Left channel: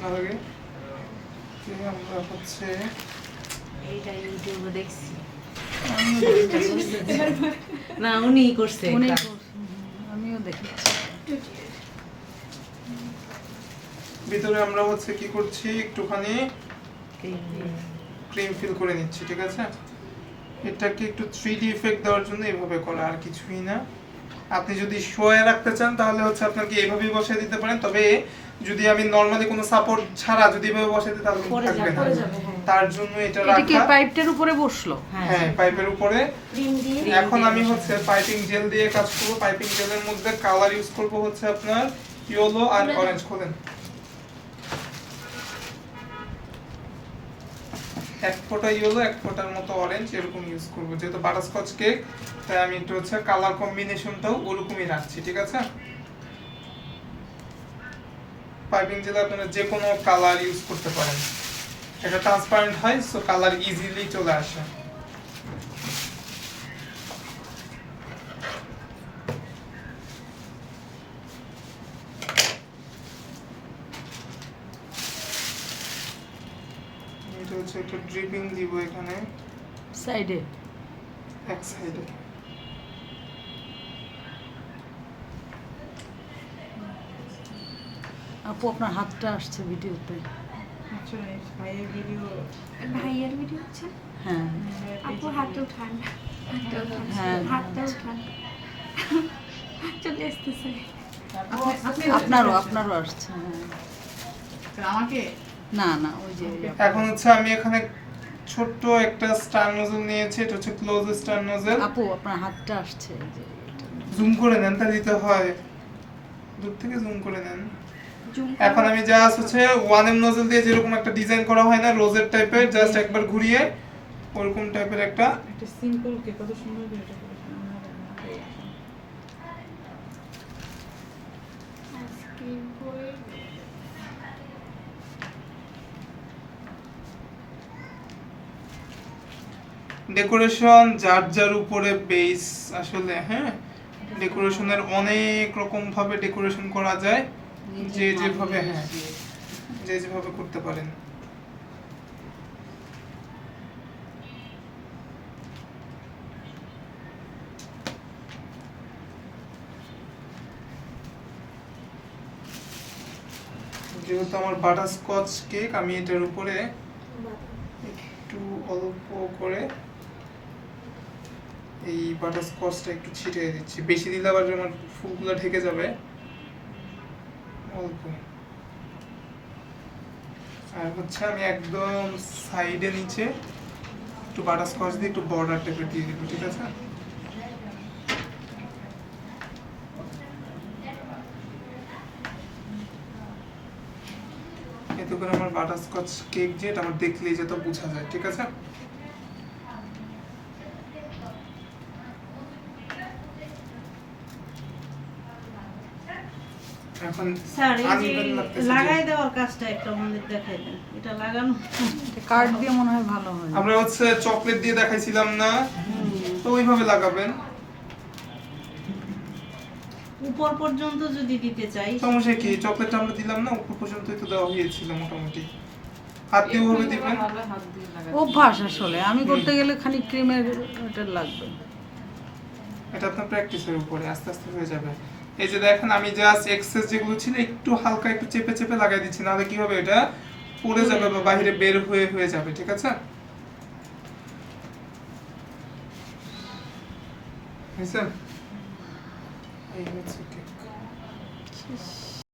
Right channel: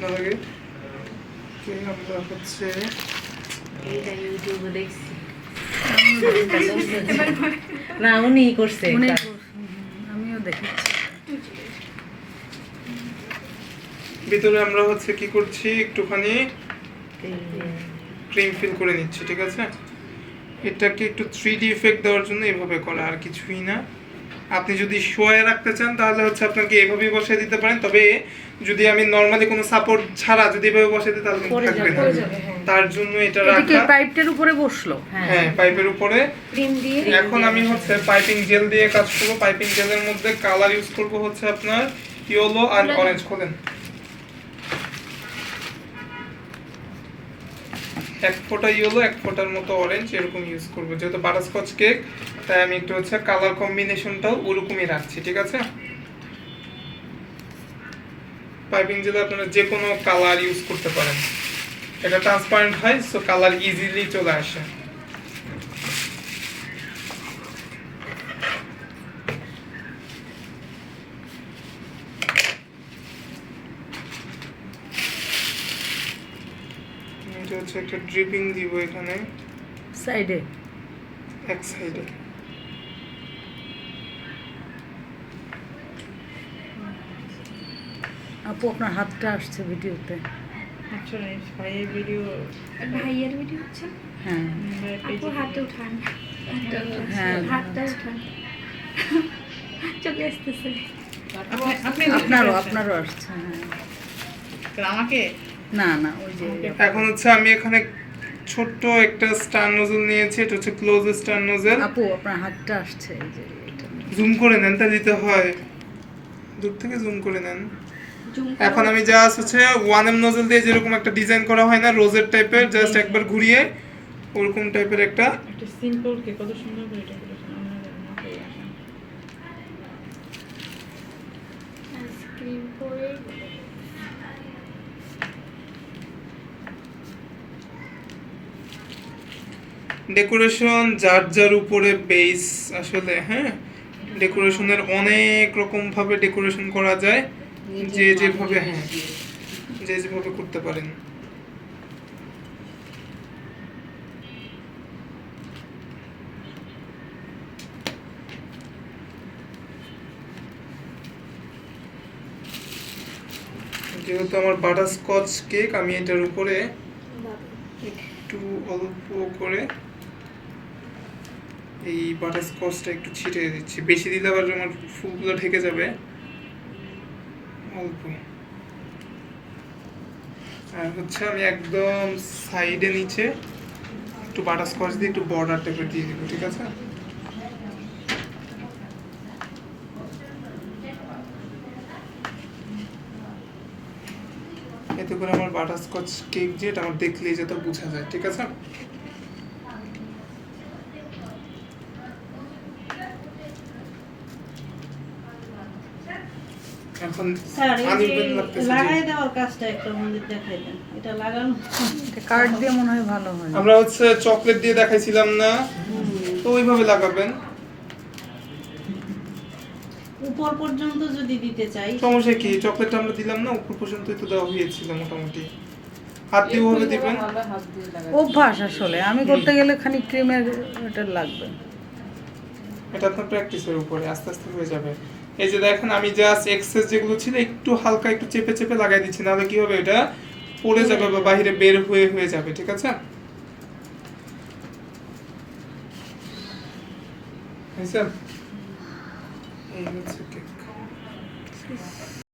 না লাগে আমরা হচ্ছে এইটা ইউটিউবে দেখছি না উনি করছে আমিও দেখেছি ভিতরে আমরা হচ্ছে কি করছি একটুখানি ক্রিম ফিল করে নিচ্ছি, ঠিক আছে? এটাকে একটু 3D ইফেক্ট দেওয়ার জন্য এভাবে করা, আর কিছুই না। আপনি যদি শোয়ে রাখতে চান তাহলে হচ্ছে আপনাকে এভাবেই বসিয়ে দিতে পারেন, তবে যদি আমি নরমালি কোনো সাপোর্ট ছাড়া যদি এভাবে বসিয়ে দিই তাহলে থাকবে না, তার জন্য এটা রাখা। পাইপটার উপরে বসলো, হ্যাঁ পাইপের উপরে ক্রিম দিয়ে এখন আমি হচ্ছে পাইপিং জেল দিয়ে কাজ করব। পাইপিং জেলের মধ্যে কালার ইউজ করব হচ্ছে আপনার ইয়েলো আর অরেঞ্জ। খোলেন, এক ফোঁটা ইয়েলো এক ফোঁটার মতো অরেঞ্জ এরকম ইউজ করব, যেহেতু বাটারস্কচ কেক তাই আমি একটু হচ্ছে কালার কম্বিনেশনটাও ওরকমই রাখছি, ঠিক আছে? পাইপিং জেলে আপনারা যে কোনো কালার ইউজ করতে পারেন, এটা ট্রান্সপারেন্ট হয় সো কালার ইজিলি চলে আসে। এটা হচ্ছে একটা ড্রিপিং দিব এখানে সাইডে এক সাইডে। আপু আপনার হাতটা আসছে ভিডিওতে। আচ্ছা ভাইয়ের ভিডিও হচ্ছে হ্যাঁ আপু হাতটা উঠান, হ্যাঁ হাতটা উঠান, চলে আসতেছে। আপনি আপনারও আসছে। হ্যাঁ আমাকে না না ওই যে এখন হচ্ছে আমি এখানে ছোট্ট একটা স্টার নোজল নিয়েছি, এটা হচ্ছে ক্লোজ স্টার নোজল। আপু আপনার হাতটা আসছে, এই যে এটা জুম করে নেন, তা দিতে হয় দূর থেকে জুম করে নেন। এখন আমি জাস্ট হচ্ছে 1M নোজল দিয়ে যেরকম একটা ডিজাইন করা হয় না রোজের টাইপের, জাস্ট একবার ঘুরিয়ে ওরকম টাইপের একটা একটা সিম্পল কে কত সুন্দর করে এটা করেছেন আপনারা না করে আসেন। আইসক্রিম করে ডেকোরেশন যার যার উপরে বেস আসলে। হ্যাঁ ডেকোরেশনের অনেক রকম ভাবে ডেকোরেশন করা যায়, যে যেভাবে হ্যাঁ যে যেভাবে করতে পারেন। যেহেতু আমার বাটারস্কচ কেক, আমি এটার উপরে একটু অল্প করে এই বাটারস্কচটা একটু ছিটিয়ে দিচ্ছি, বেশি দিলে আবার আমার ফুলগুলো ঢেকে যাবে। অল্প। আর হচ্ছে আমি একদম সাইডে নিচে একটু বাটারস্কচ দিয়ে একটু বর্ডার টাইপের দিয়ে দিব, ঠিক আছে? এতে করে আমার বাটারস্কচ কেক যেটা আমার দেখলেই যেটা বোঝা যায়, ঠিক আছে? এখন স্যার এই uneven যে লাগতেছে লাগাই যে- দেওয়ার কাজটা একটু আমাদের দেখাই দেন, এটা লাগানো কার্ড দিয়ে মনে হয় ভালো হয়। আমরা হচ্ছে চকলেট দিয়ে দেখাইছিলাম না, তো ওইভাবে লাগাবেন। উপর পর্যন্ত যদি দিতে চাই সমস্যা কি, চকলেটটা আমরা দিলাম না, উপর পর্যন্তই তো দেওয়া হয়েছিল মোটামুটি। হাত দিয়ে ওভাবে দিবেন। অভ্যাস আসলে, আমি করতে গেলে খানিক ক্রিমের এটা লাগবে। এটা আপনার প্র্যাকটিসের উপরে আস্তে আস্তে হয়ে যাবে। এই যে দেখেন আমি জাস্ট এক্সেস যেগুলো ছিল একটু হালকা একটু চেপে চেপে লাগাই দিচ্ছি, নাহলে কি হবে এটা পড়ে যাবে বা বাইরে বের হয়ে যাবে, ঠিক আছে? হয়েছে? এই হচ্ছে কেক।